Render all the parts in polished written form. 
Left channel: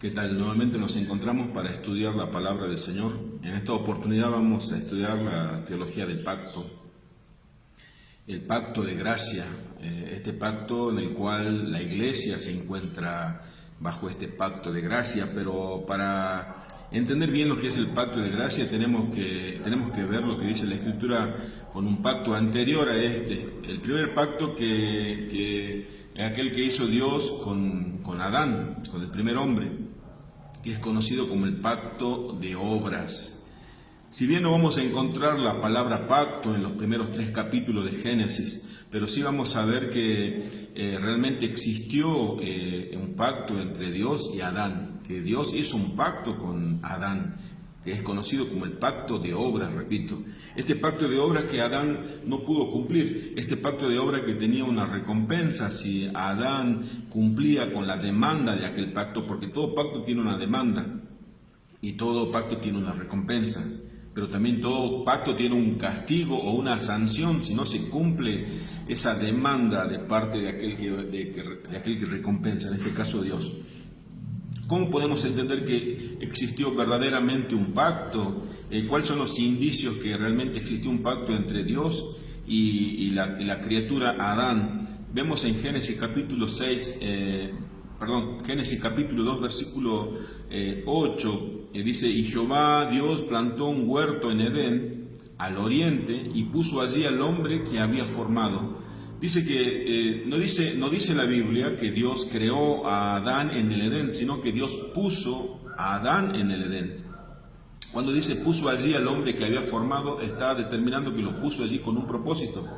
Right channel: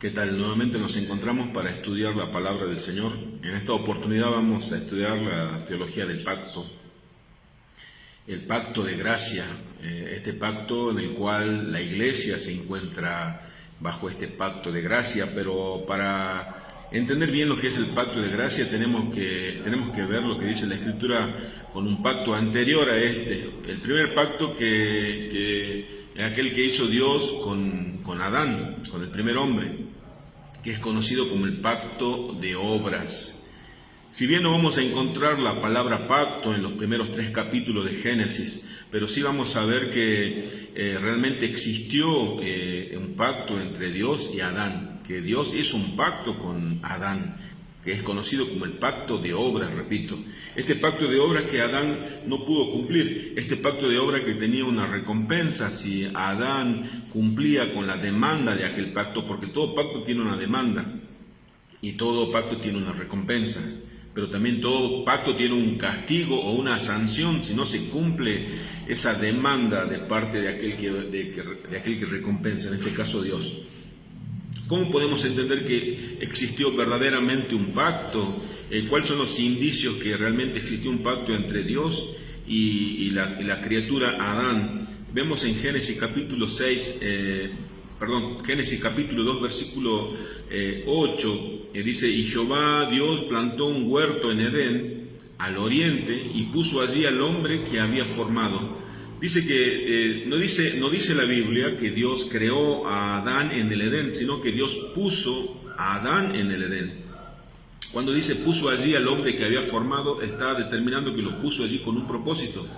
¿Qué tal? Nuevamente nos encontramos para estudiar la palabra del Señor. En esta oportunidad vamos a estudiar la teología del pacto, el pacto de gracia, este pacto en el cual la iglesia se encuentra bajo este pacto de gracia, pero para entender bien lo que es el pacto de gracia tenemos que ver lo que dice la Escritura con un pacto anterior a este. El primer pacto que aquel que hizo Dios con Adán, con el primer hombre, que es conocido como el pacto de obras. Si bien no vamos a encontrar la palabra pacto en los primeros 3 capítulos de Génesis, pero sí vamos a ver que realmente existió un pacto entre Dios y Adán, que Dios hizo un pacto con Adán, que es conocido como el pacto de obras, repito. Este pacto de obras que Adán no pudo cumplir, este pacto de obras que tenía una recompensa si Adán cumplía con la demanda de aquel pacto, porque todo pacto tiene una demanda y todo pacto tiene una recompensa, pero también todo pacto tiene un castigo o una sanción si no se cumple esa demanda de parte de aquel que recompensa, en este caso Dios. ¿Cómo podemos entender que existió verdaderamente un pacto? ¿Cuáles son los indicios que realmente existió un pacto entre Dios y la criatura Adán? Vemos en Génesis capítulo 2, versículo 8, dice: Y Jehová Dios plantó un huerto en Edén, al oriente, y puso allí al hombre que había formado. Dice que no dice la Biblia que Dios creó a Adán en el Edén, sino que Dios puso a Adán en el Edén. Cuando dice puso allí al hombre que había formado, está determinando que lo puso allí con un propósito,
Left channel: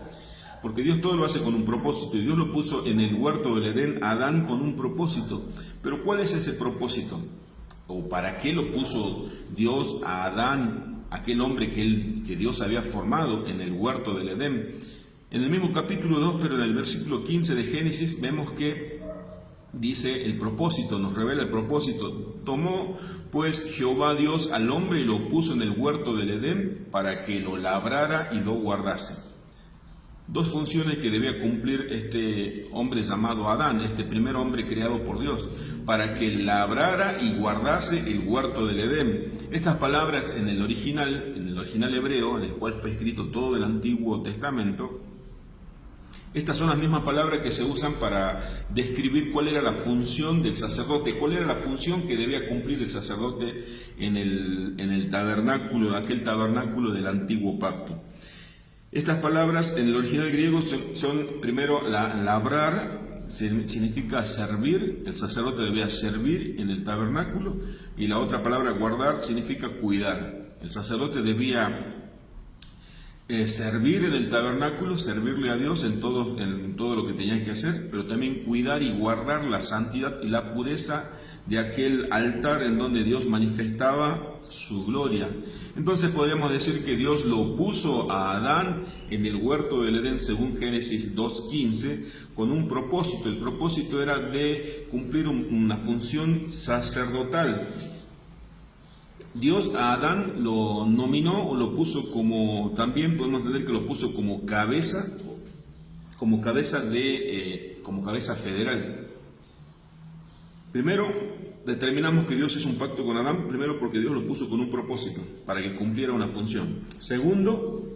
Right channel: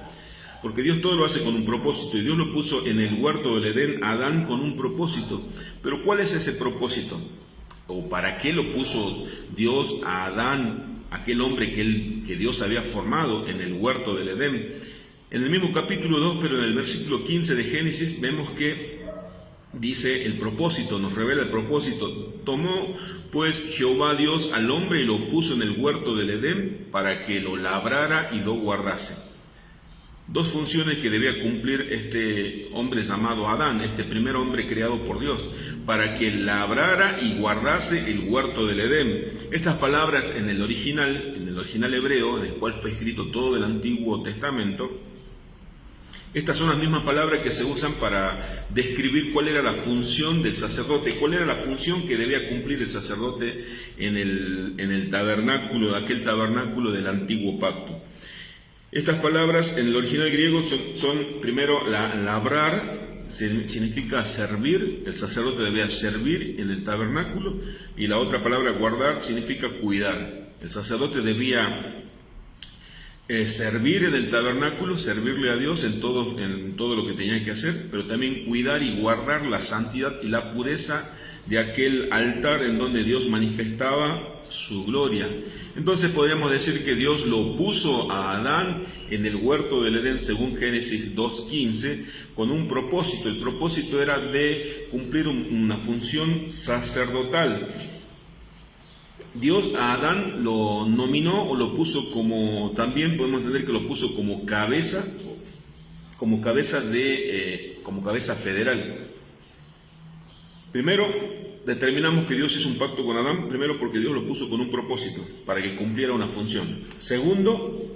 porque Dios todo lo hace con un propósito, y Dios lo puso en el huerto del Edén, a Adán, con un propósito. Pero ¿cuál es ese propósito? ¿O para qué lo puso Dios a Adán, aquel hombre que Dios había formado en el huerto del Edén? En el mismo capítulo 2, pero en el versículo 15 de Génesis, vemos que dice el propósito, nos revela el propósito. Tomó pues Jehová Dios al hombre y lo puso en el huerto del Edén para que lo labrara y lo guardase. 2 funciones que debía cumplir este hombre llamado Adán, este primer hombre creado por Dios, para que labrara y guardase el huerto del Edén. Estas palabras en el original hebreo, en el cual fue escrito todo el Antiguo Testamento, estas son las mismas palabras que se usan para describir cuál era la función del sacerdote, cuál era la función que debía cumplir el sacerdote en el tabernáculo, aquel tabernáculo del antiguo pacto. Estas palabras en el original griego son primero, labrar significa servir, el sacerdote debía servir en el tabernáculo, y la otra palabra, guardar, significa cuidar. El sacerdote debía servir en el tabernáculo, servirle a Dios en todo lo que tenía que hacer, pero también cuidar y guardar la santidad y la pureza de aquel altar en donde Dios manifestaba su gloria. Entonces podríamos decir que Dios lo puso a Adán en el huerto del Edén, según Génesis 2:15, con un propósito. El propósito era de cumplir una función sacerdotal. Dios a Adán lo nominó o lo puso como, también podemos entender que lo puso como cabeza federal. Primero, determinamos que Dios hizo un pacto con Adán, primero porque Dios lo puso con un propósito, para que cumpliera una función. Segundo,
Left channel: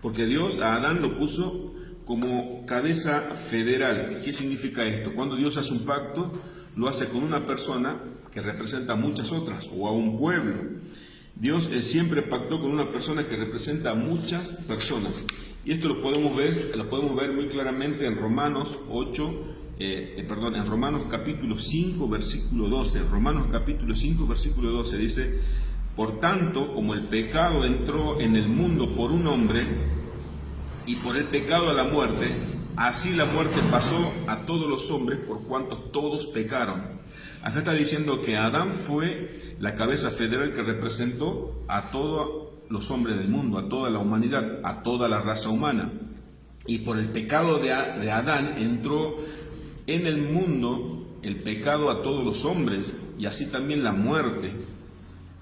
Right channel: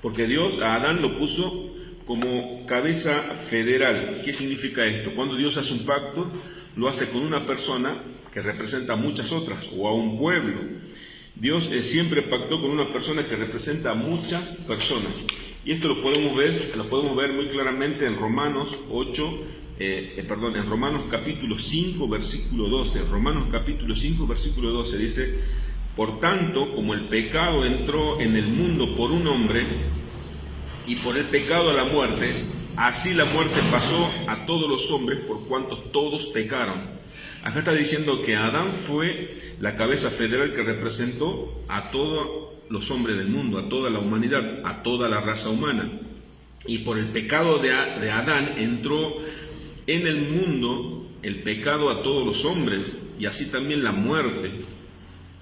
porque Dios a Adán lo puso como cabeza federal. ¿Qué significa esto? Cuando Dios hace un pacto, lo hace con una persona que representa a muchas otras, o a un pueblo. Dios siempre pactó con una persona que representa a muchas personas. Y esto lo podemos ver muy claramente en Romanos capítulo 5, versículo 12. Romanos capítulo 5, versículo 12 dice: Por tanto, como el pecado entró en el mundo por un hombre, y por el pecado la muerte, así la muerte pasó a todos los hombres, por cuanto todos pecaron. Acá está diciendo que Adán fue la cabeza federal que representó a todos los hombres del mundo, a toda la humanidad, a toda la raza humana. Y por el pecado de Adán entró en el mundo el pecado a todos los hombres, y así también la muerte,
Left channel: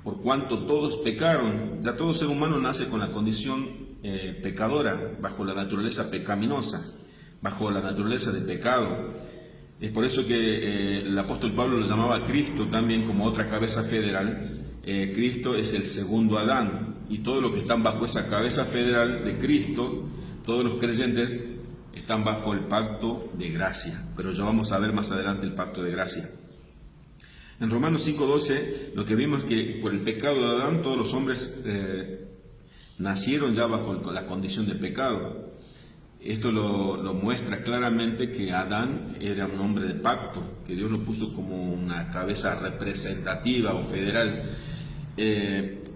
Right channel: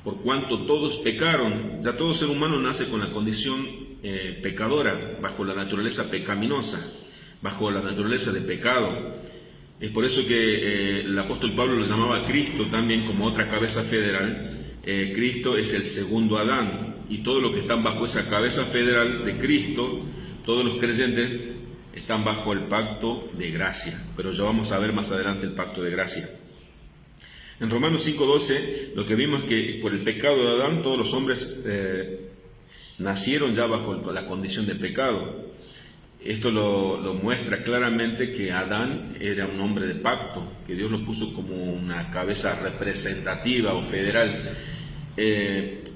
por cuanto todos pecaron. Ya todo ser humano nace con la condición pecadora, bajo la naturaleza pecaminosa, bajo la naturaleza de pecado. Es por eso que el apóstol Pablo lo llamaba a Cristo también como otra cabeza federal. Cristo es el segundo Adán, y todos los que están bajo esa cabeza federal de Cristo, todos los creyentes, están bajo el pacto de gracia. Pero ya vamos a ver más adelante el pacto de gracia. En Romanos 5:12 lo que vimos es que por el pecado de Adán todos los hombres nacieron ya bajo la condición de pecado. Esto lo muestra claramente que Adán era un hombre de pacto, que Dios lo puso como una cabeza representativa o federal.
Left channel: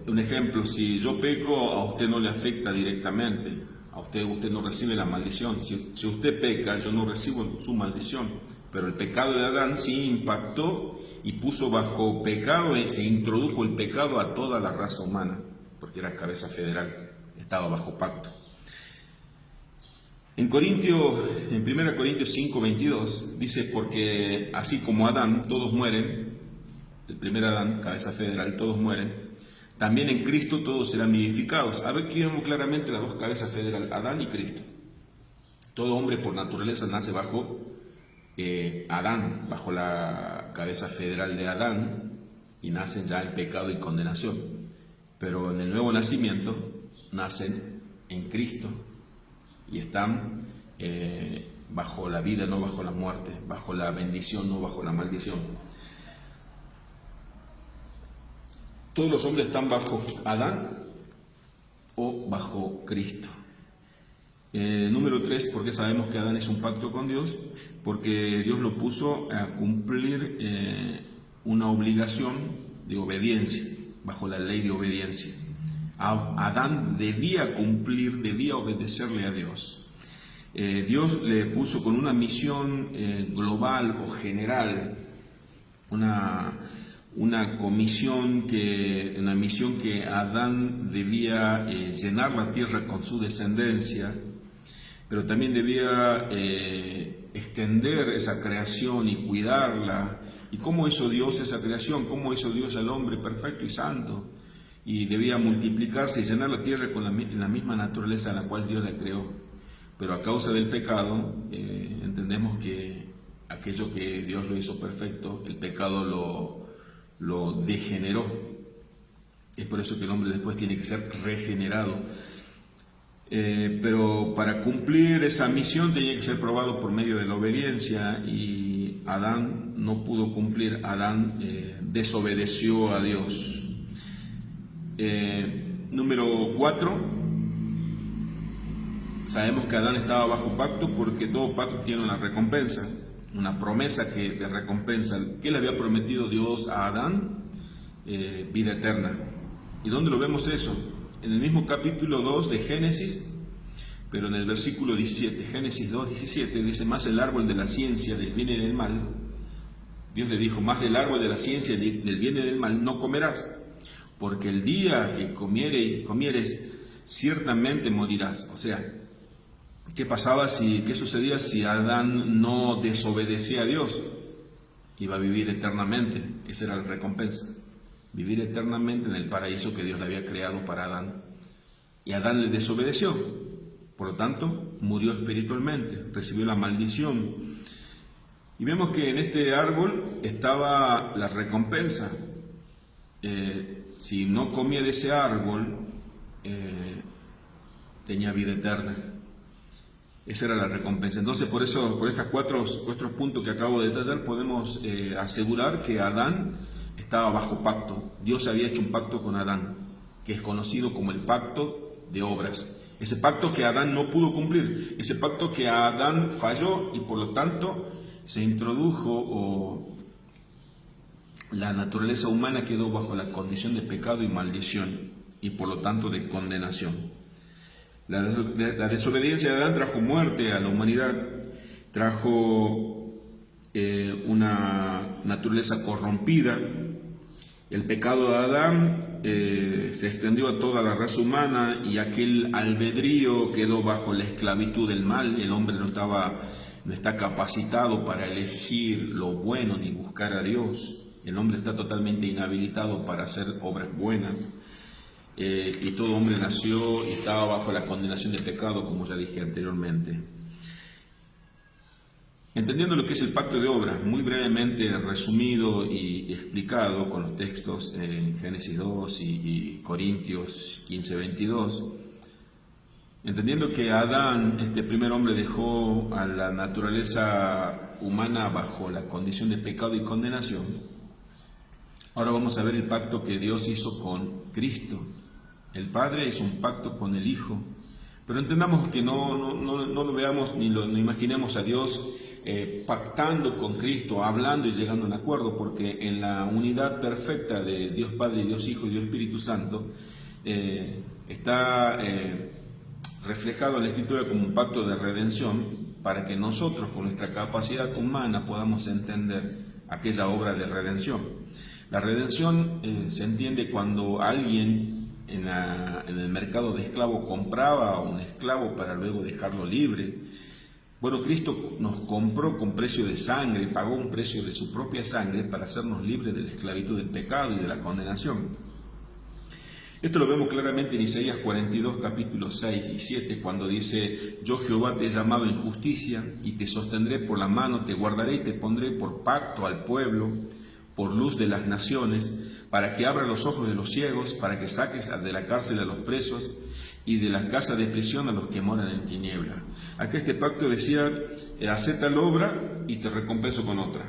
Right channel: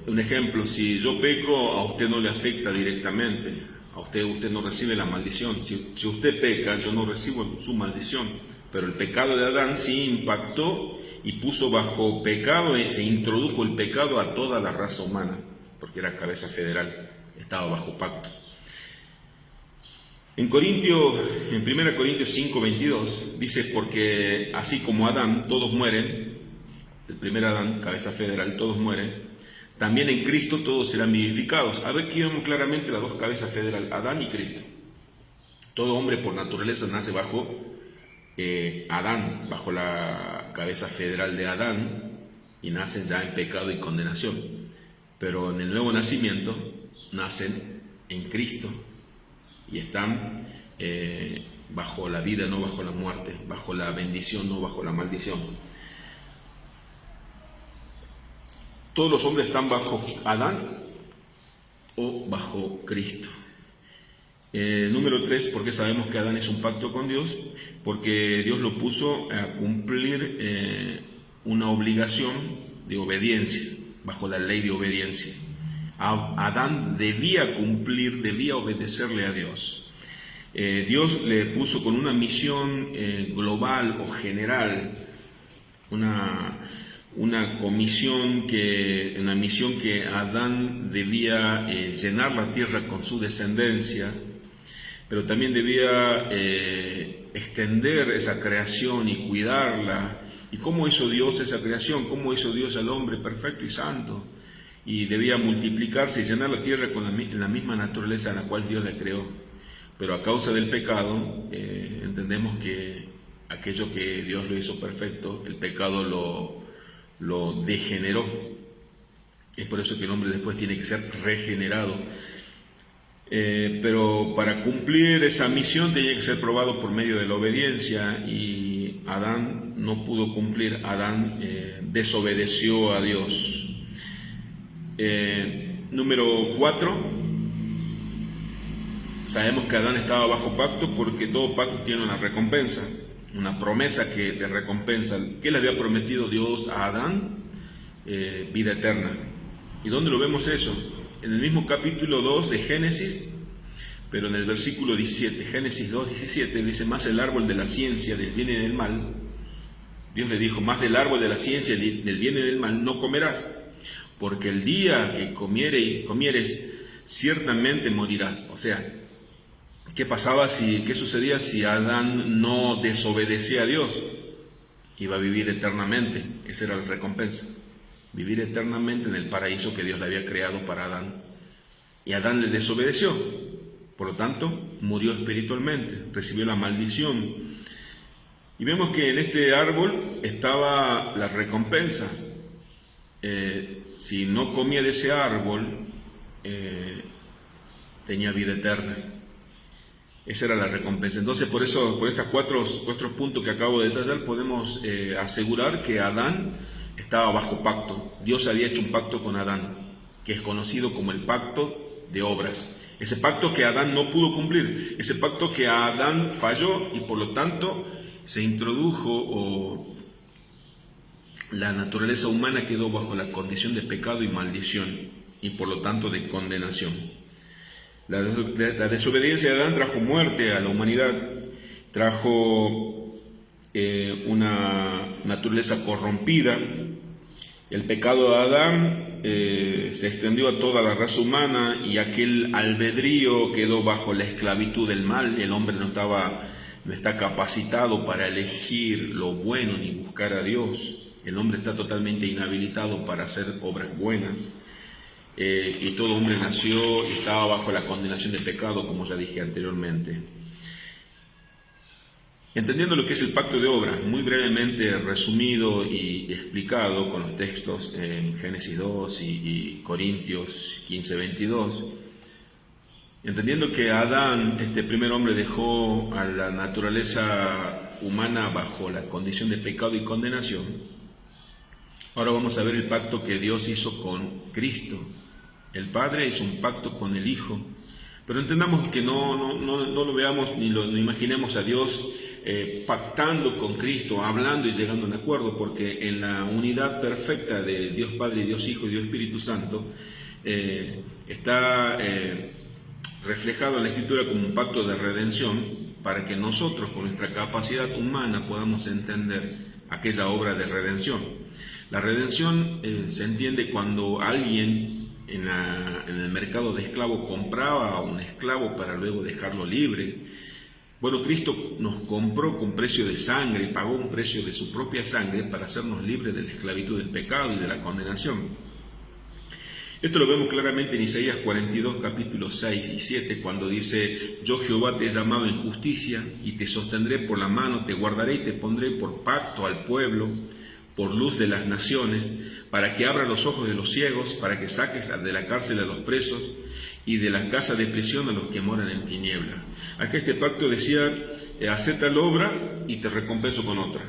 Un ejemplo, si yo peco, a usted no le afecta directamente, a usted no recibe la maldición. Si usted peca, yo no recibo su maldición, pero el pecado de Adán sí impactó y puso bajo pecado, y se introdujo el pecado a toda la raza humana, porque era cabeza federal, estaba bajo pacto. En 1 Corintios 5:22 dice, porque así como Adán todos mueren, el primer Adán, cabeza federal, todos mueren, también en Cristo todos serán vivificados. A ver, aquí vemos claramente las dos cabezas federales, Adán y Cristo. Todo hombre por naturaleza nace bajo Adán, bajo la cabeza federal de Adán, y nacen ya en pecado y condenación. Pero en el nuevo nacimiento nacen en Cristo y están bajo la vida, no bajo la muerte, bajo la bendición, no bajo la maldición. Todos los hombres están bajo Adán o bajo Cristo. Número 3, porque sabemos que Adán es un pacto con Dios, porque Dios lo puso a cumplir una obligación de obediencia, bajo la ley de obediencia. Adán debía obedecerle a Dios. Dios le puso con una misión global o general, una misión que Adán debía llenar la tierra con su descendencia, pero también debía extender esa creación y cuidarla. ¿Y cómo hizo Dios esa creación? ¿Cómo hizo Dios al hombre perfecto y santo? Y debía multiplicarse y llenar la tierra con la misma naturaleza a la cual Dios la creó. Pero a causa del pecado, entendemos que aquello que Dios lo hizo perfecto, el pecado lo degeneró. Es por eso que el hombre después tiene que ser regenerado. Pero para cumplir esa misión tenía que ser probado por medio de la obediencia, y Adán no pudo cumplir. Adán desobedeció a Dios. Número 4, sabemos que Adán estaba bajo pacto porque todo pacto tiene una recompensa, una promesa de recompensa. ¿Qué le había prometido Dios a Adán? Vida eterna. ¿Y dónde lo vemos eso? En el mismo capítulo 2 de Génesis, pero en el versículo 17, Génesis 2:17, dice, más el árbol de la ciencia del bien y del mal, Dios le dijo, más del árbol de la ciencia del bien y del mal no comerás, porque el día que comieres, ciertamente morirás. O sea, ¿qué sucedía si Adán no desobedecía a Dios? Iba a vivir eternamente. Esa era la recompensa, vivir eternamente en el paraíso que Dios le había creado para Adán. Y Adán le desobedeció, por lo tanto murió espiritualmente, recibió la maldición. Y vemos que en este árbol estaba la recompensa. Si no comía de ese árbol, tenía vida eterna. Esa era la recompensa. Entonces, por estos cuatro puntos que acabo de detallar, podemos asegurar que Adán estaba bajo pacto. Dios había hecho un pacto con Adán, que es conocido como el pacto de obras. Ese pacto que Adán no pudo cumplir, ese pacto que Adán falló, y por lo tanto se introdujo la naturaleza humana quedó bajo la condición de pecado y maldición, y por lo tanto de condenación. La desobediencia de Adán trajo muerte a la humanidad, trajo una naturaleza corrompida. El pecado de Adán se extendió a toda la raza humana, y aquel albedrío quedó bajo la esclavitud del mal. El hombre no está capacitado para elegir lo bueno ni buscar a Dios. El hombre está totalmente inhabilitado para hacer obras buenas, y todo hombre nació y estaba bajo la condenación del pecado, como ya dije anteriormente. Entendiendo lo que es el pacto de obras, muy brevemente resumido y explicado con los textos en Génesis 2 y Corintios 15:22, entendiendo que Adán, este primer hombre, dejó a la naturaleza humana bajo la condición de pecado y condenación, ahora vamos a ver el pacto que Dios hizo con Cristo. El Padre hizo un pacto con el Hijo, pero entendamos que no lo veamos ni lo imaginemos a Dios pactando con Cristo, hablando y llegando a un acuerdo, porque en la unidad perfecta de Dios Padre, Dios Hijo y Dios Espíritu Santo está reflejado en la Escritura como un pacto de redención, para que nosotros con nuestra capacidad humana podamos entender aquella obra de redención. La redención se entiende cuando alguien en el mercado de esclavo compraba a un esclavo para luego dejarlo libre. Bueno, Cristo nos compró con precio de sangre, pagó un precio de su propia sangre para hacernos libres de la esclavitud del pecado y de la condenación. Esto lo vemos claramente en Isaías 42, capítulos 6 y 7, cuando dice: yo Jehová te he llamado en justicia y te sostendré por la mano, te guardaré y te pondré por pacto al pueblo, por luz de las naciones, para que abra los ojos de los ciegos, para que saques de la cárcel a los presos y de la casa de prisión a los que moran en tiniebla. Acá este pacto decía: hacé tal obra y te recompenso con otra.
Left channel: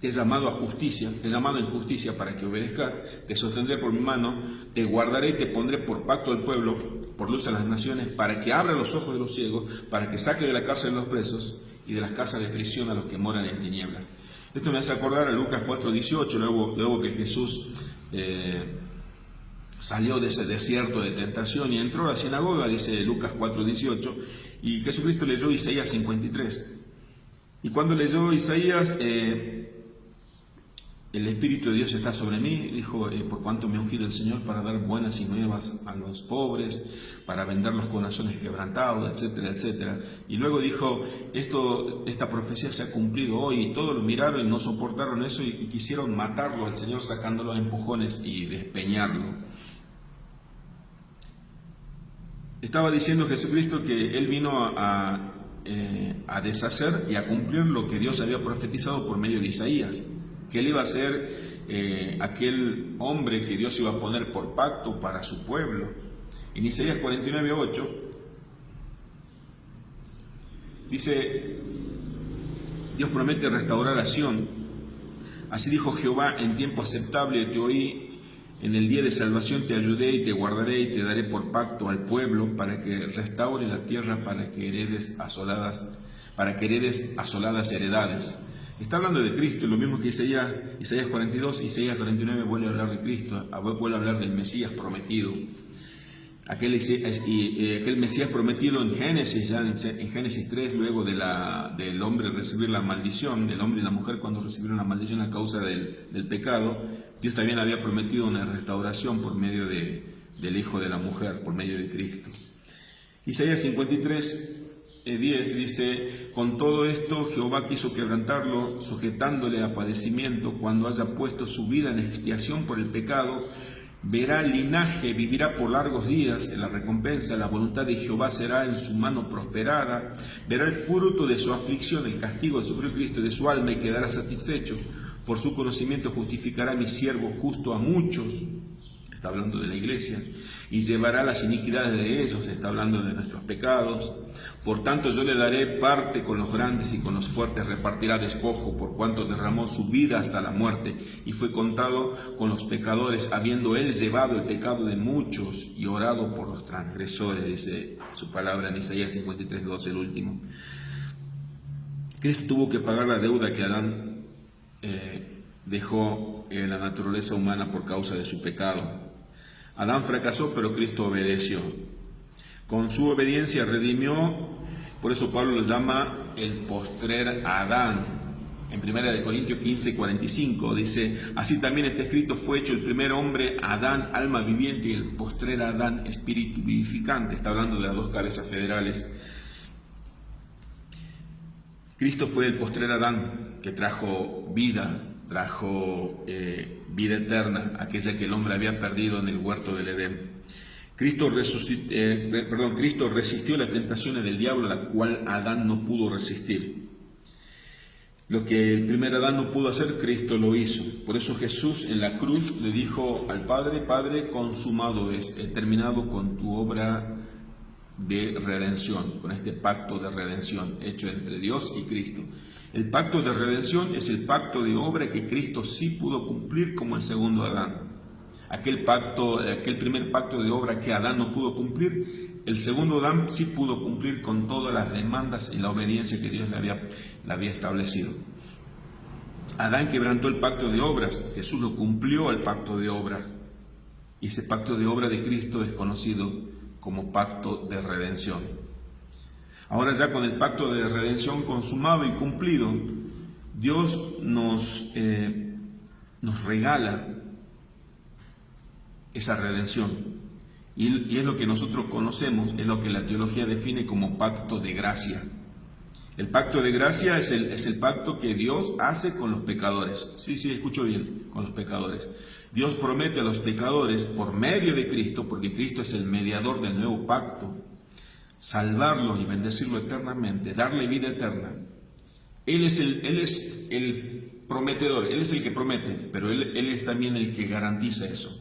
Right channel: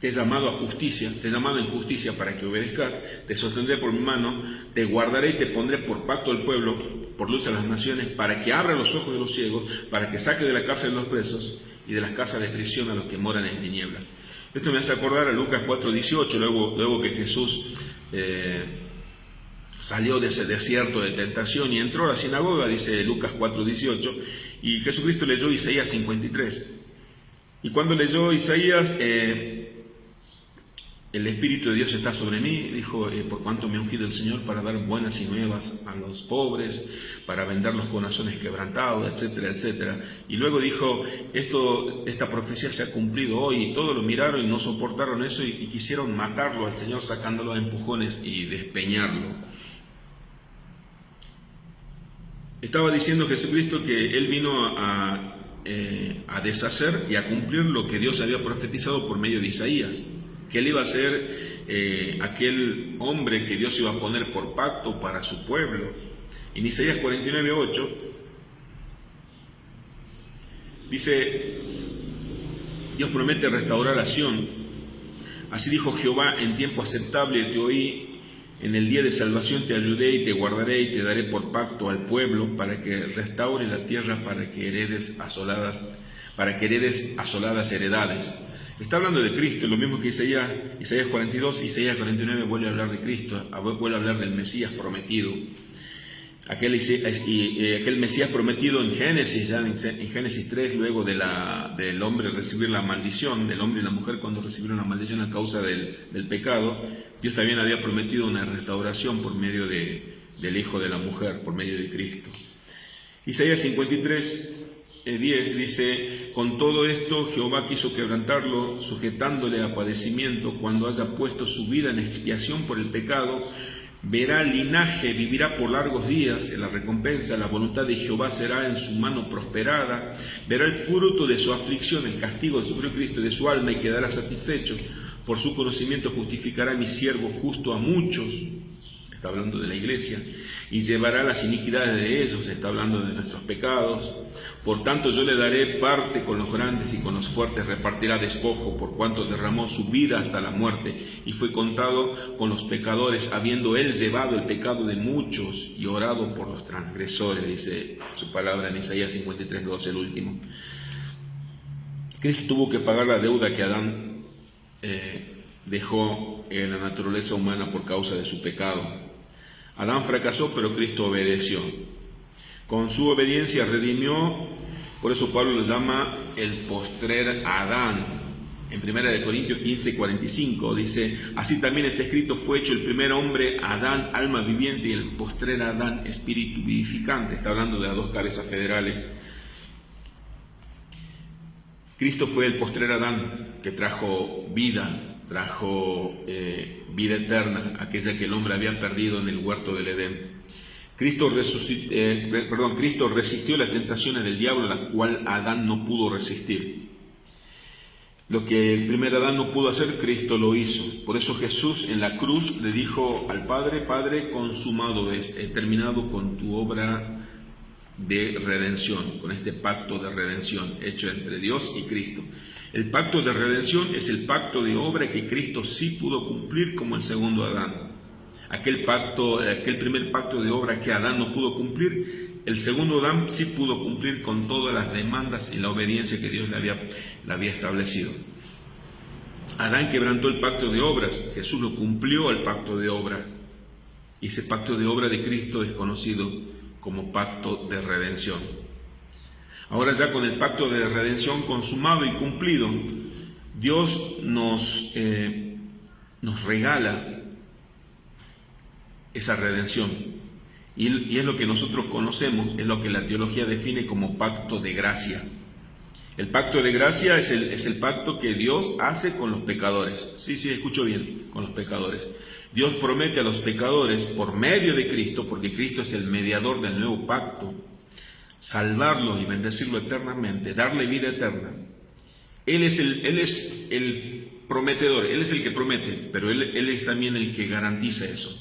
Te he llamado a justicia, te he llamado en justicia para que obedezcas, te sostendré por mi mano, te guardaré y te pondré por pacto al pueblo, por luz a las naciones, para que abra los ojos de los ciegos, para que saque de la cárcel a los presos y de las casas de prisión a los que moran en tinieblas. Esto me hace acordar a Lucas 4:18, luego que Jesús salió de ese desierto de tentación y entró a la sinagoga, dice Lucas 4:18, y Jesucristo leyó Isaías 53. Y cuando leyó Isaías, el Espíritu de Dios está sobre mí, dijo, por cuanto me ha ungido el Señor para dar buenas y nuevas a los pobres, para vendar los corazones quebrantados, etcétera, etcétera. Y luego dijo, esta profecía se ha cumplido hoy, y todos lo miraron y no soportaron eso y quisieron matarlo al Señor sacándolo de empujones y despeñarlo. Estaba diciendo Jesucristo que Él vino a deshacer y a cumplir lo que Dios había profetizado por medio de Isaías, que Él iba a ser aquel hombre que Dios iba a poner por pacto para su pueblo. En Isaías 49:8 dice, Dios promete restaurar a Sión. Así dijo Jehová, en tiempo aceptable te oí, en el día de salvación te ayudé y te guardaré y te daré por pacto al pueblo, para que restaure la tierra, para que heredes asoladas heredades. Está hablando de Cristo, lo mismo que Isaías 42, Isaías 49 vuelve a hablar de Cristo, vuelve a hablar del Mesías prometido. Aquel Mesías prometido en Génesis, ya en Génesis 3, luego del hombre recibir la maldición, del hombre y la mujer cuando recibieron la maldición a causa del pecado, Dios también había prometido una restauración por medio del Hijo de la mujer, por medio de Cristo. Isaías 53:10 dice, con todo esto Jehová quiso quebrantarlo, sujetándole a padecimiento, cuando haya puesto su vida en expiación por el pecado, verá linaje, vivirá por largos días, en la recompensa, la voluntad de Jehová será en su mano prosperada, verá el fruto de su aflicción, el castigo de su Cristo y de su alma, y quedará satisfecho. Por su conocimiento justificará mi siervo justo a muchos, está hablando de la iglesia, y llevará las iniquidades de ellos, está hablando de nuestros pecados. Por tanto yo le daré parte con los grandes y con los fuertes repartirá despojo, por cuanto derramó su vida hasta la muerte y fue contado con los pecadores, habiendo él llevado el pecado de muchos y orado por los transgresores, dice su palabra en Isaías 53:12, el último. Cristo tuvo que pagar la deuda que Adán dejó en la naturaleza humana por causa de su pecado. Adán fracasó, pero Cristo obedeció. Con su obediencia redimió, por eso Pablo lo llama el postrer Adán. En 1 Corintios 15:45 dice, así también está escrito, fue hecho el primer hombre Adán, alma viviente, y el postrer Adán, espíritu vivificante. Está hablando de las dos cabezas federales. Cristo fue el postrer Adán que trajo vida eterna, aquella que el hombre había perdido en el huerto del Edén. Cristo resistió las tentaciones del diablo, la cual Adán no pudo resistir. Lo que el primer Adán no pudo hacer, Cristo lo hizo. Por eso Jesús en la cruz le dijo al Padre: Padre, consumado es, he terminado con tu obra de redención, con este pacto de redención hecho entre Dios y Cristo. El pacto de redención es el pacto de obra que Cristo sí pudo cumplir como el segundo Adán. Aquel primer pacto de obra que Adán no pudo cumplir, el segundo Adán sí pudo cumplir con todas las demandas y la obediencia que Dios le había establecido. Adán quebrantó el pacto de obras, Jesús lo cumplió el pacto de obras. Y ese pacto de obra de Cristo es conocido como pacto de redención. Ahora ya con el pacto de redención consumado y cumplido, Dios nos regala esa redención. Y es lo que nosotros conocemos, es lo que la teología define como pacto de gracia. El pacto de gracia es el pacto que Dios hace con los pecadores. Sí, escucho bien, con los pecadores. Dios promete a los pecadores, por medio de Cristo, porque Cristo es el mediador del nuevo pacto, salvarlo y bendecirlo eternamente, darle vida eterna. Él es el prometedor, Él es el que promete, pero Él es también el que garantiza eso.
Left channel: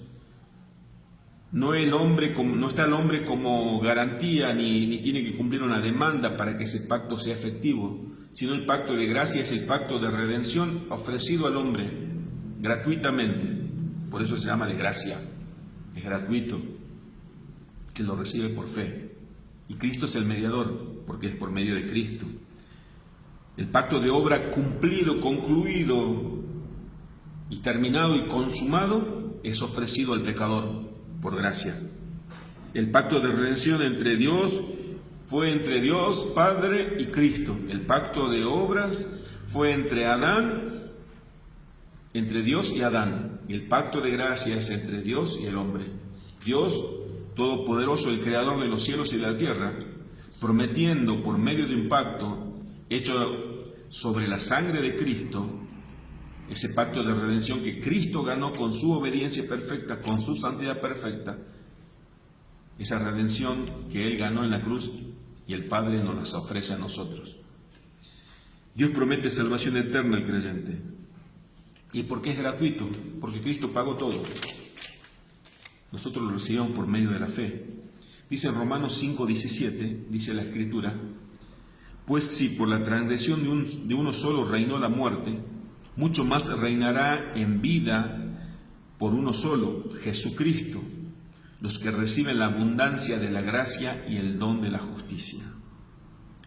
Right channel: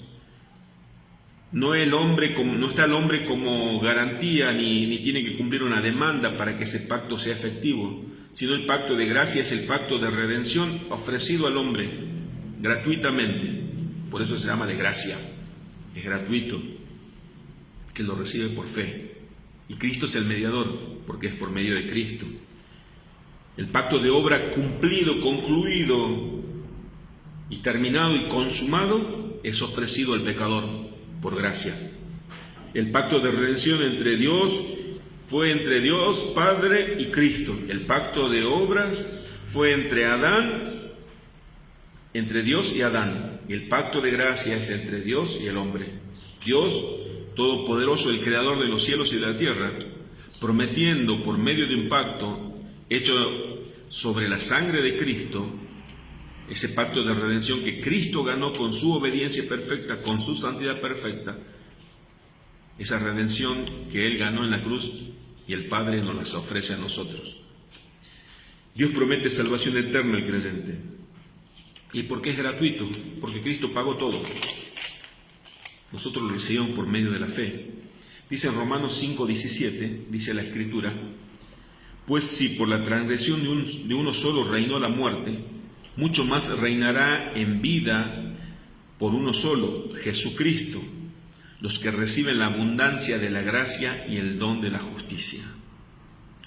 No está el hombre como garantía ni tiene que cumplir una demanda para que ese pacto sea efectivo, sino el pacto de gracia es el pacto de redención ofrecido al hombre gratuitamente. Por eso se llama de gracia, es gratuito, que lo recibe por fe. Y Cristo es el mediador, porque es por medio de Cristo. El pacto de obra cumplido, concluido y terminado y consumado es ofrecido al pecador por gracia. El pacto de redención fue entre Dios Padre y Cristo. El pacto de obras fue entre Dios y Adán. Y el pacto de gracia es entre Dios y el hombre. Dios Todopoderoso, el Creador de los cielos y de la tierra, prometiendo por medio de un pacto hecho sobre la sangre de Cristo, ese pacto de redención que Cristo ganó con su obediencia perfecta, con su santidad perfecta, esa redención que Él ganó en la cruz y el Padre nos las ofrece a nosotros. Dios promete salvación eterna al creyente. ¿Y por qué es gratuito? Porque Cristo pagó todo. Nosotros lo recibimos por medio de la fe. Dice Romanos 5:17, dice la Escritura: pues si por la transgresión de uno solo reinó la muerte, mucho más reinará en vida por uno solo, Jesucristo, los que reciben la abundancia de la gracia y el don de la justicia.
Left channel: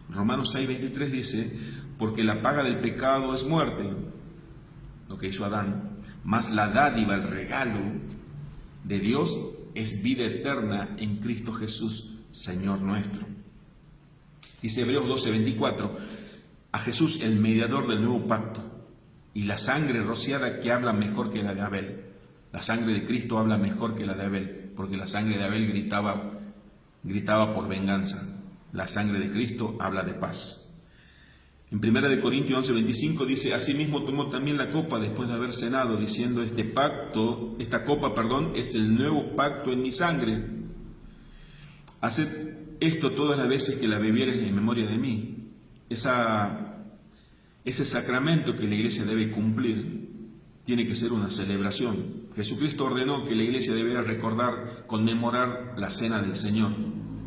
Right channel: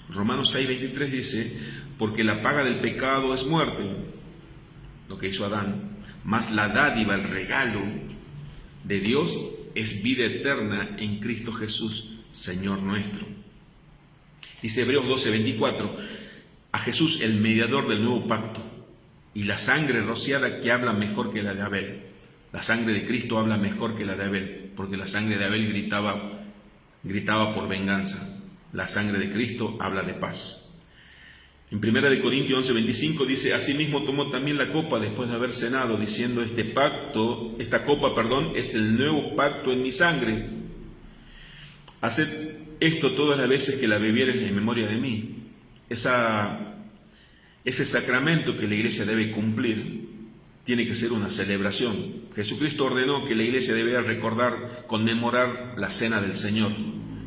Romanos 6:23 dice: porque la paga del pecado es muerte, lo que hizo Adán, mas la dádiva, el regalo de Dios es vida eterna en Cristo Jesús, Señor nuestro. Dice Hebreos 12:24, a Jesús el mediador del nuevo pacto, y la sangre rociada que habla mejor que la de Abel. La sangre de Cristo habla mejor que la de Abel, porque la sangre de Abel gritaba por venganza. La sangre de Cristo habla de paz. En 1 Corintios 11:25 dice: asimismo tomó también la copa después de haber cenado, diciendo: esta copa, es el nuevo pacto en mi sangre. Haced esto todas las veces que la bebiereis en memoria de mí. Ese sacramento que la iglesia debe cumplir tiene que ser una celebración. Jesucristo ordenó que la iglesia debía conmemorar la cena del Señor.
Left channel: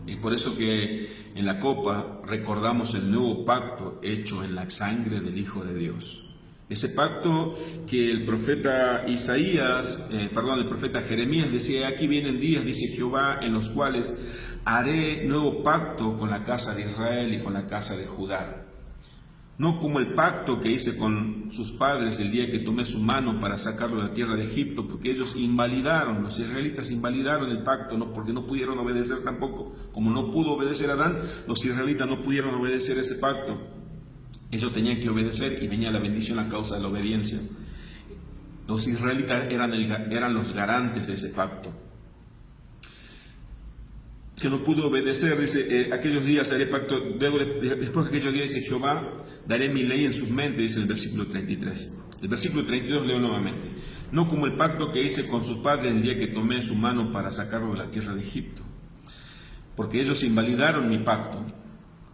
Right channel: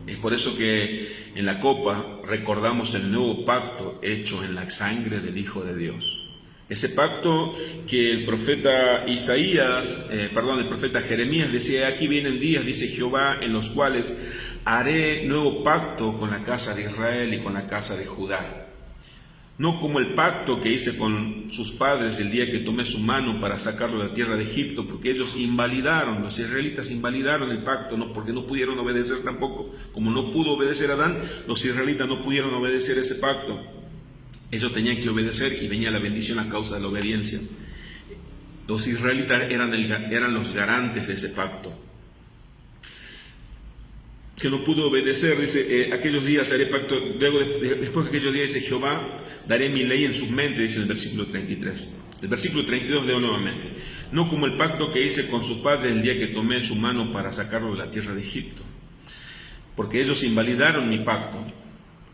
Es por eso que en la copa recordamos el nuevo pacto hecho en la sangre del Hijo de Dios. Ese pacto que el profeta Jeremías decía: aquí vienen días, dice Jehová, en los cuales haré nuevo pacto con la casa de Israel y con la casa de Judá. No como el pacto que hice con sus padres el día que tomé su mano para sacarlo de la tierra de Egipto, porque ellos los israelitas invalidaron el pacto, porque no pudieron obedecer tampoco. Como no pudo obedecer Adán, los israelitas no pudieron obedecer ese pacto. Ellos tenían que obedecer y venía la bendición a causa de la obediencia. Los israelitas eran los garantes de ese pacto. Que no pudo obedecer, dice, aquellos días haré pacto, después de aquellos días, dice Jehová, daré mi ley en sus mentes, dice en el versículo 33. El versículo 32 leo nuevamente: no como el pacto que hice con sus padres el día que tomé su mano para sacarlo de la tierra de Egipto, porque ellos invalidaron mi pacto.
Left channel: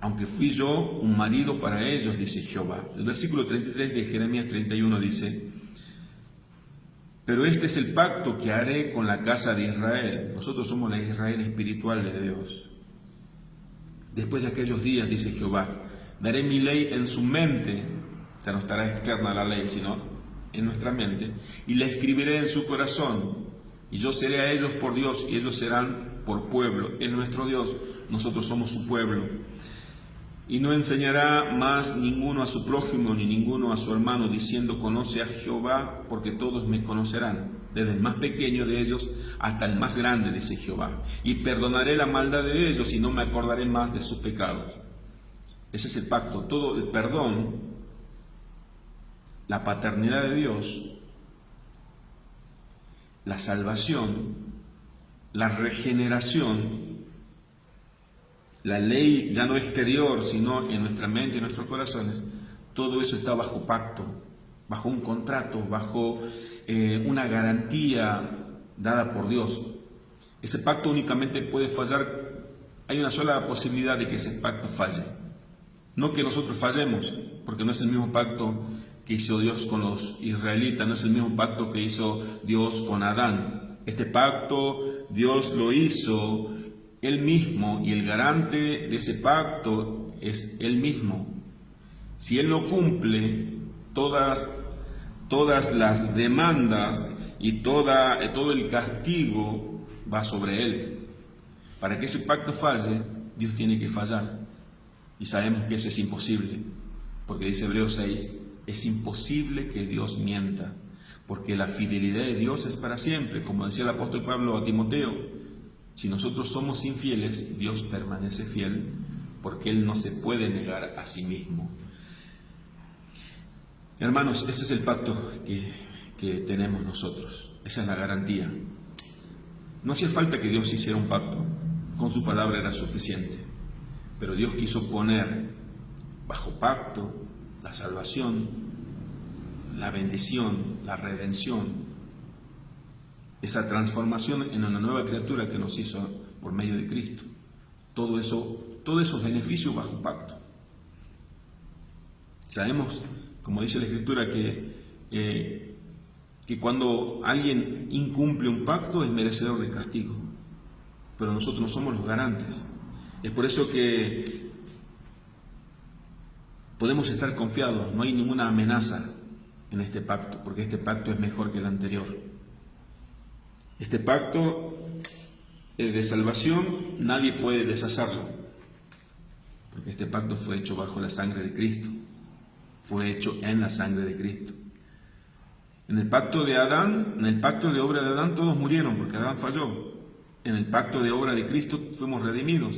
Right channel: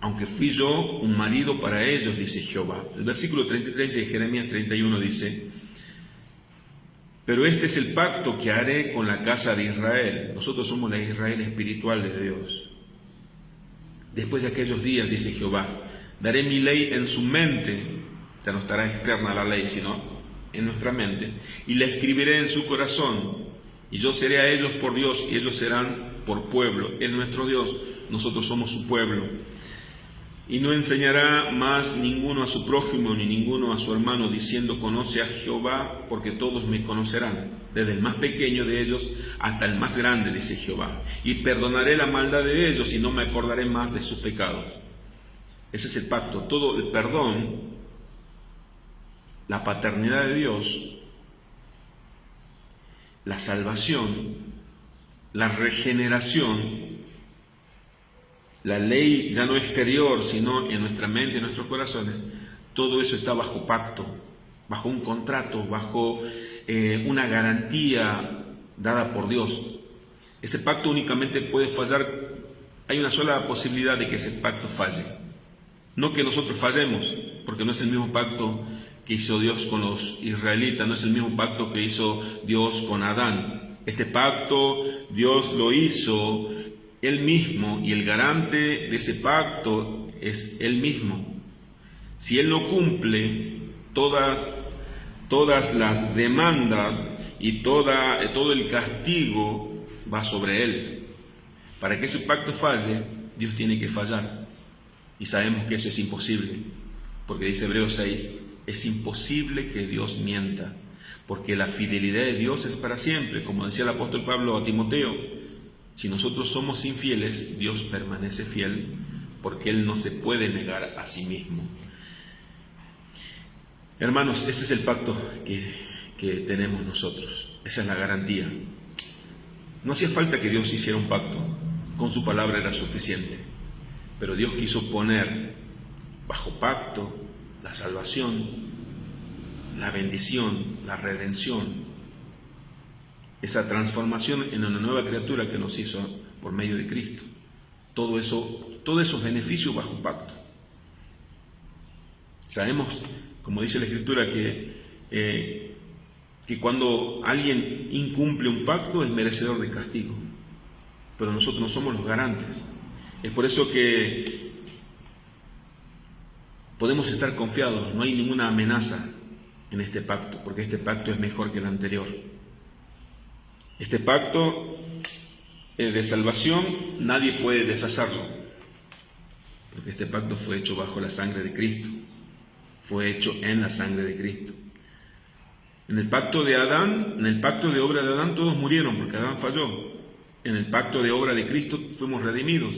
aunque fui yo un marido para ellos, dice Jehová. El versículo 33 de Jeremías 31 dice: pero este es el pacto que haré con la casa de Israel. Nosotros somos la Israel espiritual de Dios. Después de aquellos días, dice Jehová, daré mi ley en su mente, ya no estará externa la ley, sino en nuestra mente, y la escribiré en su corazón, y yo seré a ellos por Dios, y ellos serán por pueblo. Él es nuestro Dios, nosotros somos su pueblo. Y no enseñará más ninguno a su prójimo ni ninguno a su hermano, diciendo: conoce a Jehová, porque todos me conocerán, desde el más pequeño de ellos hasta el más grande, dice Jehová. Y perdonaré la maldad de ellos y no me acordaré más de sus pecados. Ese es el pacto, todo el perdón, la paternidad de Dios, la salvación, la regeneración. La ley ya no exterior, sino en nuestra mente y en nuestros corazones, todo eso está bajo pacto, bajo un contrato, bajo una garantía dada por Dios. Ese pacto únicamente puede fallar, hay una sola posibilidad de que ese pacto falle. No que nosotros fallemos, porque no es el mismo pacto que hizo Dios con los israelitas, no es el mismo pacto que hizo Dios con Adán. Este pacto Dios lo hizo Él mismo, y el garante de ese pacto es Él mismo. Si Él no cumple, todas las demandas y todo el castigo va sobre Él. Para que ese pacto falle, Dios tiene que fallar. Y sabemos que eso es imposible, porque dice Hebreos 6, es imposible que Dios mienta, porque la fidelidad de Dios es para siempre, como decía el apóstol Pablo a Timoteo. Si nosotros somos infieles, Dios permanece fiel, porque Él no se puede negar a sí mismo. Hermanos, ese es el pacto que tenemos nosotros, esa es la garantía. No hacía falta que Dios hiciera un pacto, con su palabra era suficiente, pero Dios quiso poner bajo pacto la salvación, la bendición, la redención, esa transformación en una nueva criatura que nos hizo por medio de Cristo. Todo eso, todos esos beneficios bajo pacto. Sabemos, como dice la Escritura, que cuando alguien incumple un pacto es merecedor de castigo, pero nosotros no somos los garantes. Es por eso que podemos estar confiados, no hay ninguna amenaza en este pacto, porque este pacto es mejor que el anterior. Este pacto de salvación nadie puede deshacerlo, porque este pacto fue hecho bajo la sangre de Cristo, fue hecho en la sangre de Cristo. En el pacto de Adán, en el pacto de obra de Adán todos murieron porque Adán falló. En el pacto de obra de Cristo fuimos redimidos.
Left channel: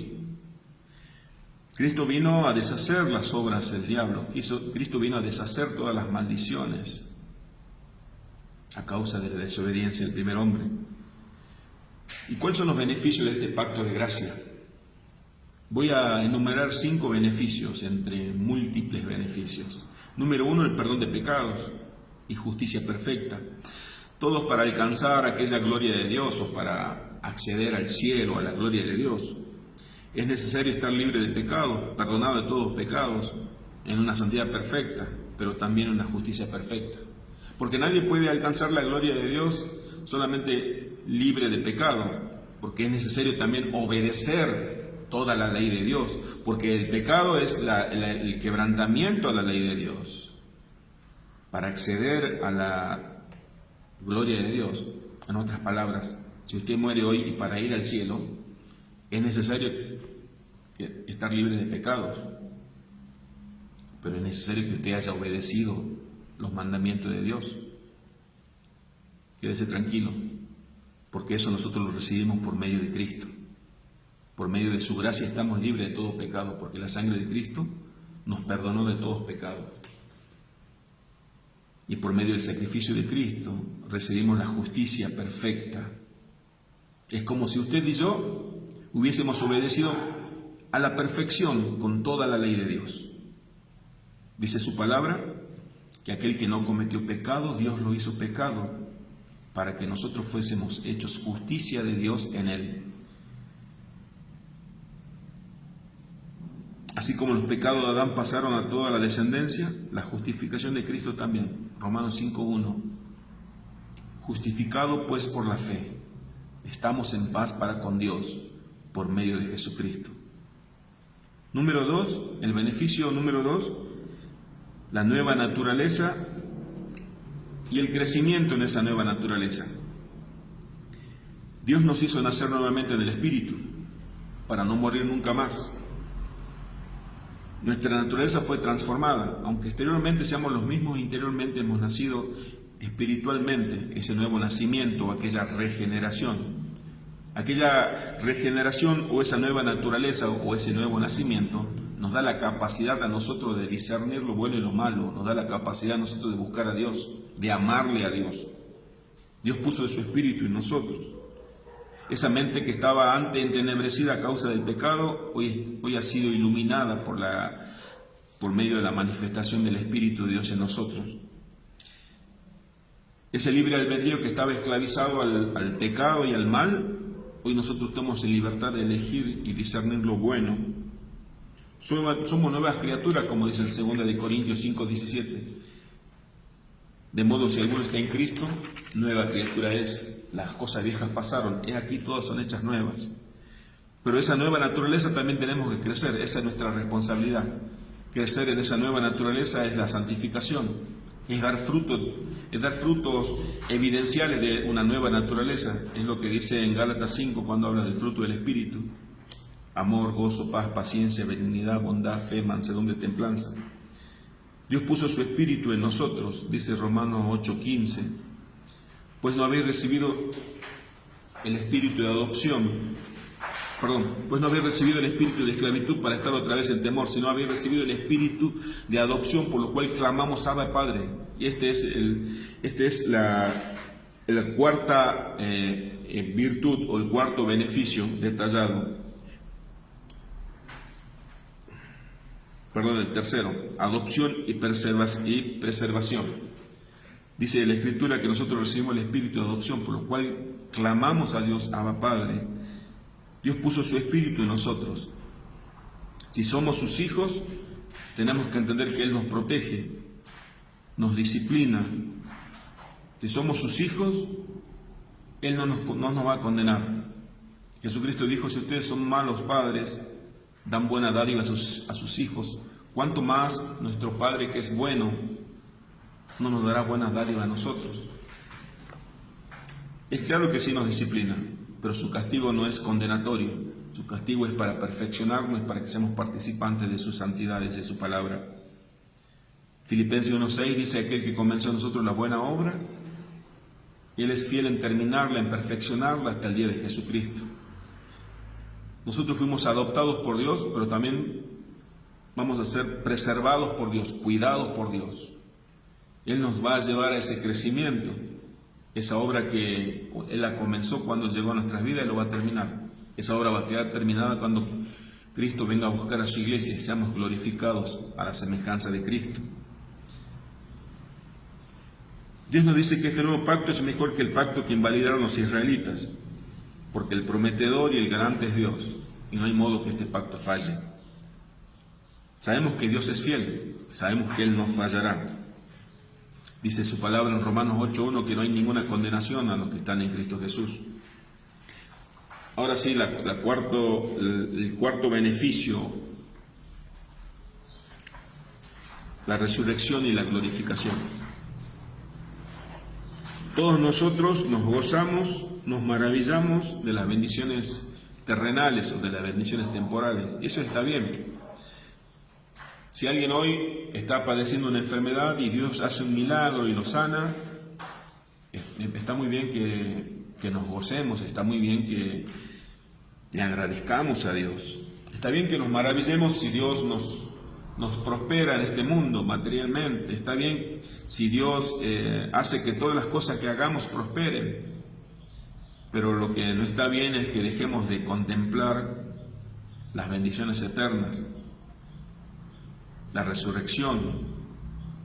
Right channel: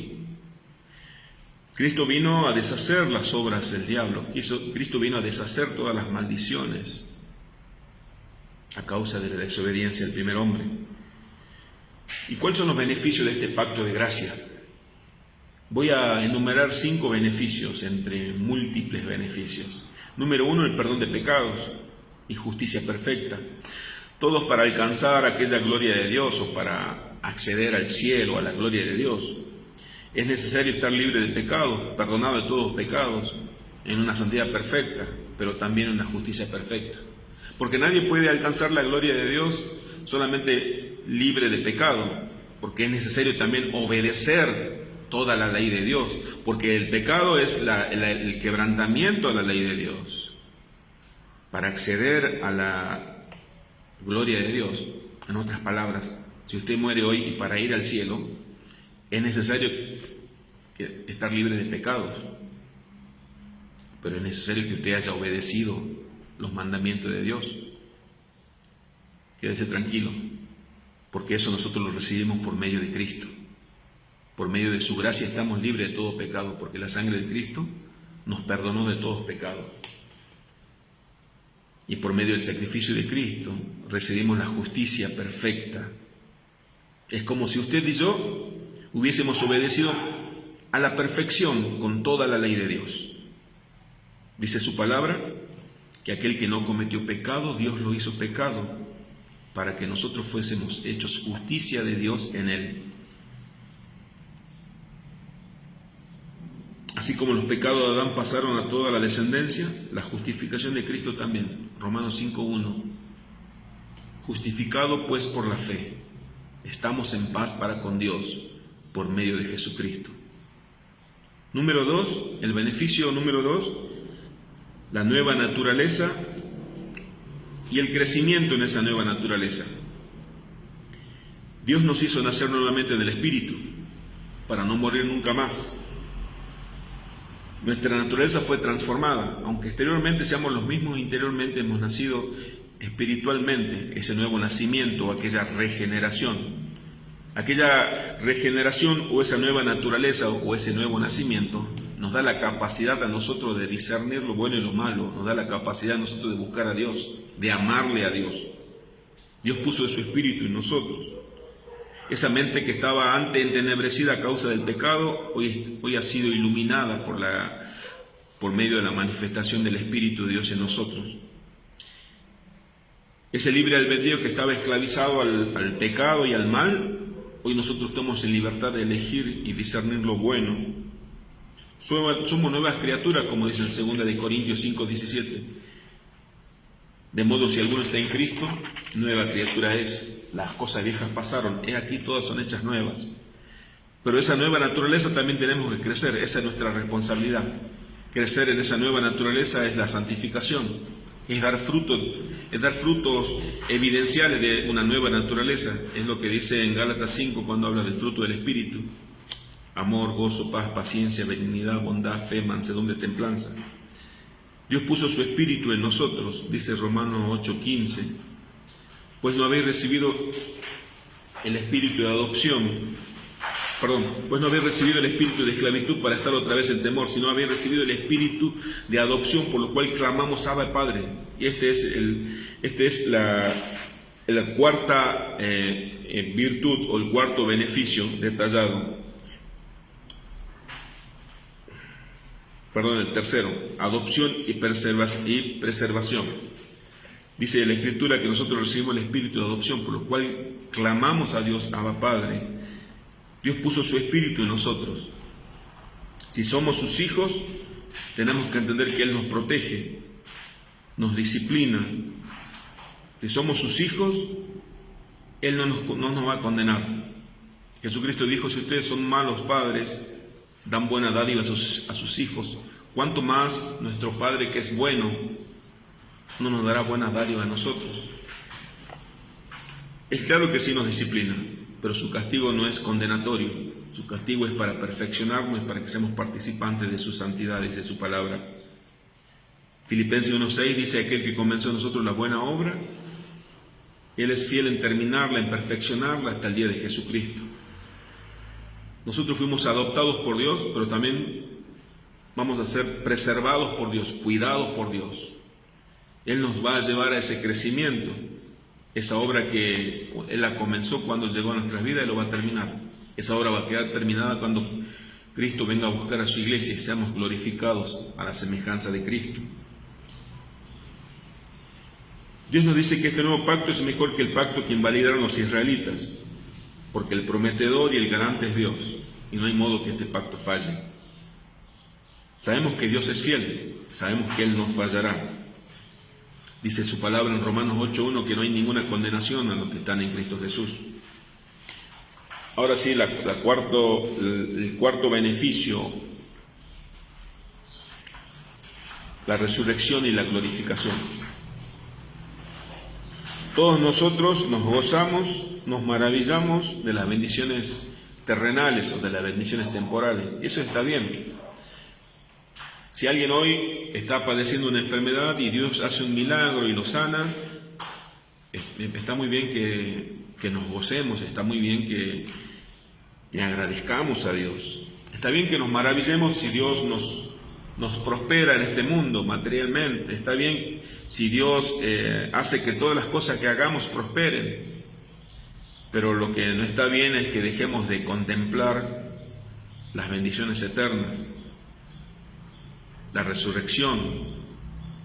Cristo vino a deshacer las obras del diablo, Cristo vino a deshacer todas las maldiciones a causa de la desobediencia del primer hombre. ¿Y cuáles son los beneficios de este pacto de gracia? Voy a enumerar 5 beneficios entre múltiples beneficios. Número 1, el perdón de pecados y justicia perfecta. Todos para alcanzar aquella gloria de Dios o para acceder al cielo, a la gloria de Dios. Es necesario estar libre de pecados, perdonado de todos los pecados, en una santidad perfecta, pero también en una justicia perfecta. Porque nadie puede alcanzar la gloria de Dios solamente libre de pecado, porque es necesario también obedecer toda la ley de Dios, porque el pecado es el quebrantamiento a la ley de Dios. Para acceder a la gloria de Dios, en otras palabras, si usted muere hoy y para ir al cielo, es necesario estar libre de pecados, pero es necesario que usted haya obedecido los mandamientos de Dios. Quédese tranquilo, porque eso nosotros lo recibimos por medio de Cristo. Por medio de su gracia estamos libres de todo pecado, porque la sangre de Cristo nos perdonó de todos pecados. Y por medio del sacrificio de Cristo recibimos la justicia perfecta. Es como si usted y yo hubiésemos obedecido a la perfección con toda la ley de Dios. Dice su palabra que aquel que no cometió pecado, Dios lo hizo pecado para que nosotros fuésemos hechos justicia de Dios en él. Así como los pecados de Adán pasaron a toda la descendencia, la justificación de Cristo también. Romanos 5:1. Justificado pues por la fe, estamos en paz para con Dios por medio de Jesucristo. Número 2, el beneficio número 2, la nueva naturaleza y el crecimiento en esa nueva naturaleza. Dios nos hizo nacer nuevamente del Espíritu para no morir nunca más. Nuestra naturaleza fue transformada, aunque exteriormente seamos los mismos, interiormente hemos nacido espiritualmente, ese nuevo nacimiento, aquella regeneración. Aquella regeneración o esa nueva naturaleza o ese nuevo nacimiento nos da la capacidad a nosotros de discernir lo bueno y lo malo, nos da la capacidad a nosotros de buscar a Dios, de amarle a Dios. Dios puso de su Espíritu en nosotros. Esa mente que estaba antes entenebrecida a causa del pecado, hoy ha sido iluminada por medio de la manifestación del Espíritu de Dios en nosotros. Ese libre albedrío que estaba esclavizado al pecado y al mal, hoy nosotros estamos en libertad de elegir y discernir lo bueno. Somos nuevas criaturas, como dice en 2 Corintios 5:17. De modo, si alguno está en Cristo, nueva criatura es. Las cosas viejas pasaron, he aquí todas son hechas nuevas. Pero esa nueva naturaleza también tenemos que crecer, esa es nuestra responsabilidad. Crecer en esa nueva naturaleza es la santificación, es dar frutos evidenciales de una nueva naturaleza. Es lo que dice en Gálatas 5 cuando habla del fruto del Espíritu: amor, gozo, paz, paciencia, benignidad, bondad, fe, mansedumbre, templanza. Dios puso su Espíritu en nosotros, dice Romanos 8:15. Pues no habéis recibido el espíritu de adopción, pues no habéis recibido el espíritu de esclavitud para estar otra vez en temor, sino habéis recibido el espíritu de adopción, por lo cual clamamos Abba Padre. Y este es la cuarta virtud o el cuarto beneficio detallado. El tercero, adopción y preservación. Dice la Escritura que nosotros recibimos el espíritu de adopción, por lo cual clamamos a Dios, Abba Padre. Dios puso su espíritu en nosotros. Si somos sus hijos, tenemos que entender que Él nos protege, nos disciplina. Si somos sus hijos, Él no nos va a condenar. Jesucristo dijo: si ustedes son malos padres, dan buena dádiva a sus hijos, ¿cuánto más nuestro Padre, que es bueno, no nos dará buenas dádivas a nosotros? Es claro que sí nos disciplina, pero su castigo no es condenatorio. Su castigo es para perfeccionarnos, es para que seamos participantes de sus santidades, de su palabra. Filipenses 1:6 dice: aquel que comenzó en nosotros la buena obra, Él es fiel en terminarla, en perfeccionarla hasta el día de Jesucristo. Nosotros fuimos adoptados por Dios, pero también vamos a ser preservados por Dios, cuidados por Dios. Él nos va a llevar a ese crecimiento. Esa obra que Él la comenzó cuando llegó a nuestras vidas, Él lo va a terminar. Esa obra va a quedar terminada cuando Cristo venga a buscar a su iglesia y seamos glorificados a la semejanza de Cristo. Dios nos dice que este nuevo pacto es mejor que el pacto que invalidaron los israelitas, porque el prometedor y el garante es Dios, y no hay modo que este pacto falle. Sabemos que Dios es fiel, sabemos que Él no fallará. Dice su palabra en Romanos 8:1 que no hay ninguna condenación a los que están en Cristo Jesús. Ahora sí, el cuarto beneficio, la resurrección y la glorificación. Todos nosotros nos gozamos, nos maravillamos de las bendiciones terrenales o de las bendiciones temporales. Y eso está bien. Si alguien hoy está padeciendo una enfermedad y Dios hace un milagro y lo sana, está muy bien que nos gocemos, está muy bien que le agradezcamos a Dios. Está bien que nos maravillemos si Dios nos prospera en este mundo materialmente. Está bien si Dios hace que todas las cosas que hagamos prosperen. Pero lo que no está bien es que dejemos de contemplar las bendiciones eternas, la resurrección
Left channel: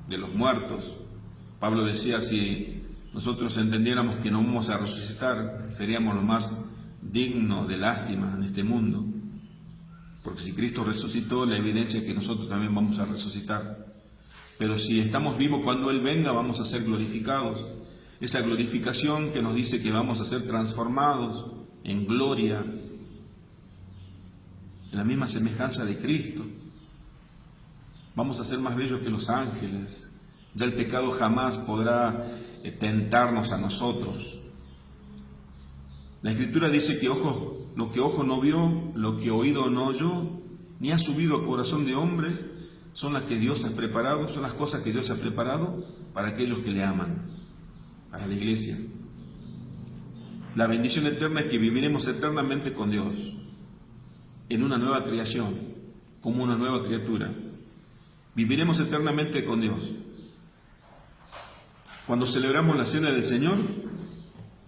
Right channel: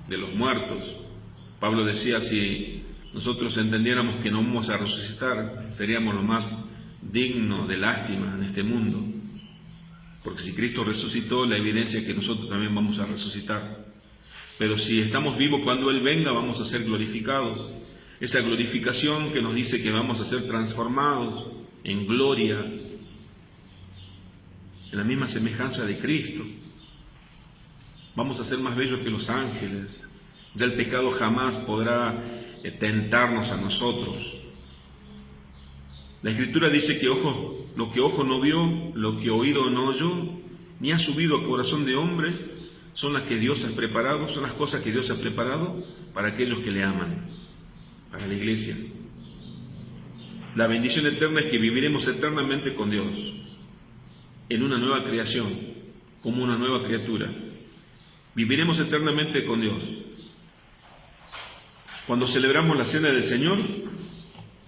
de los muertos. Pablo decía: si nosotros entendiéramos que no vamos a resucitar, seríamos lo más digno de lástima en este mundo. Porque si Cristo resucitó, la evidencia es que nosotros también vamos a resucitar. Pero si estamos vivos cuando Él venga, vamos a ser glorificados. Esa glorificación que nos dice que vamos a ser transformados en gloria, en la misma semejanza de Cristo. Vamos a ser más bellos que los ángeles. Ya el pecado jamás podrá tentarnos a nosotros. La Escritura dice que lo que ojo no vio, lo que oído no oyó, ni ha subido a corazón de hombre, son las que Dios ha preparado, son las cosas que Dios ha preparado para aquellos que le aman, para la iglesia. La bendición eterna es que viviremos eternamente con Dios, en una nueva creación, como una nueva criatura. Viviremos eternamente con Dios. Cuando celebramos la cena del Señor,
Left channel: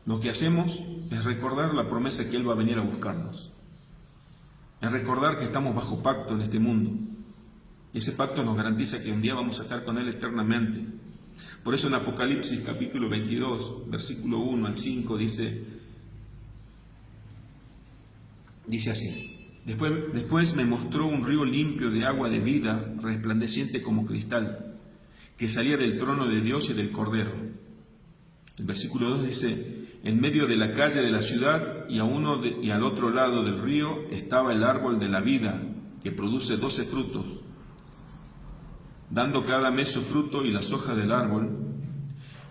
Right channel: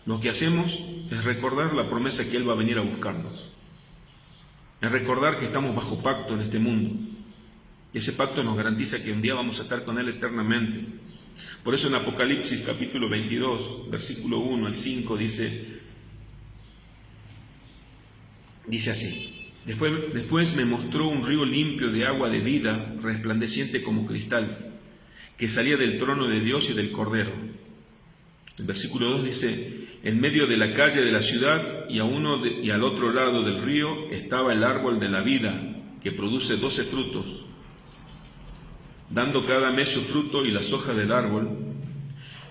lo que hacemos es recordar la promesa que Él va a venir a buscarnos. Es recordar que estamos bajo pacto en este mundo. Y ese pacto nos garantiza que un día vamos a estar con Él eternamente. Por eso en Apocalipsis capítulo 22, versículo 1 al 5 dice así: Después me mostró un río limpio de agua de vida, resplandeciente como cristal, que salía del trono de Dios y del Cordero. El versículo 2 dice: en medio de la calle de la ciudad y al otro lado del río estaba el árbol de la vida, que produce 12 frutos, dando cada mes su fruto, y las hojas del árbol,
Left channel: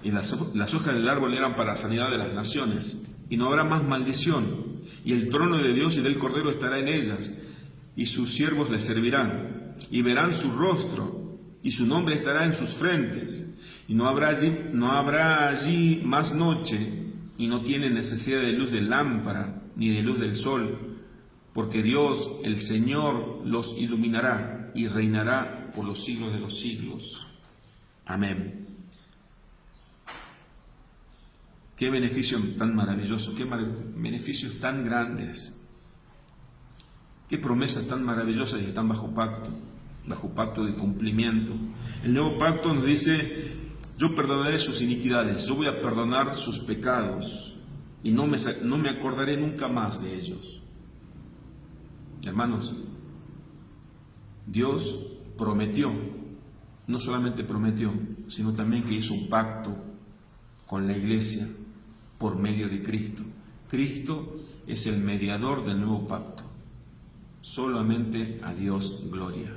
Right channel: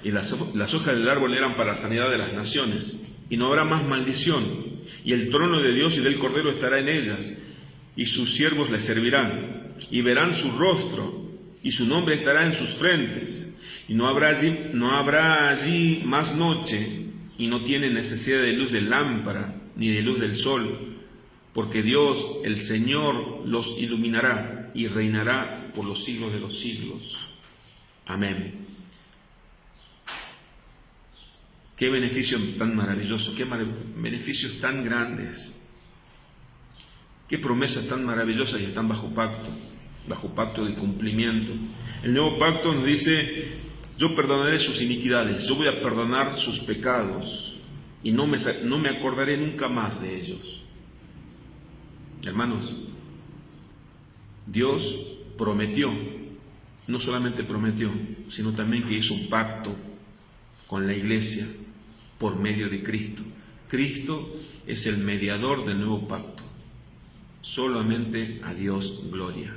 eran para la sanidad de las naciones, y no habrá más maldición, y el trono de Dios y del Cordero estará en ellas, y sus siervos les servirán, y verán su rostro, y su nombre estará en sus frentes, y no habrá allí más noche, y no tienen necesidad de luz de lámpara, ni de luz del sol, porque Dios, el Señor, los iluminará, y reinará por los siglos de los siglos. Amén. Qué beneficio tan maravilloso, qué beneficios tan grandes, qué promesas tan maravillosas, y están bajo pacto de cumplimiento. El nuevo pacto nos dice: yo perdonaré sus iniquidades, yo voy a perdonar sus pecados, y no me acordaré nunca más de ellos. Hermanos, Dios prometió, no solamente prometió, sino también que hizo un pacto con la iglesia por medio de Cristo. Cristo es el mediador del nuevo pacto. Solamente a Dios gloria.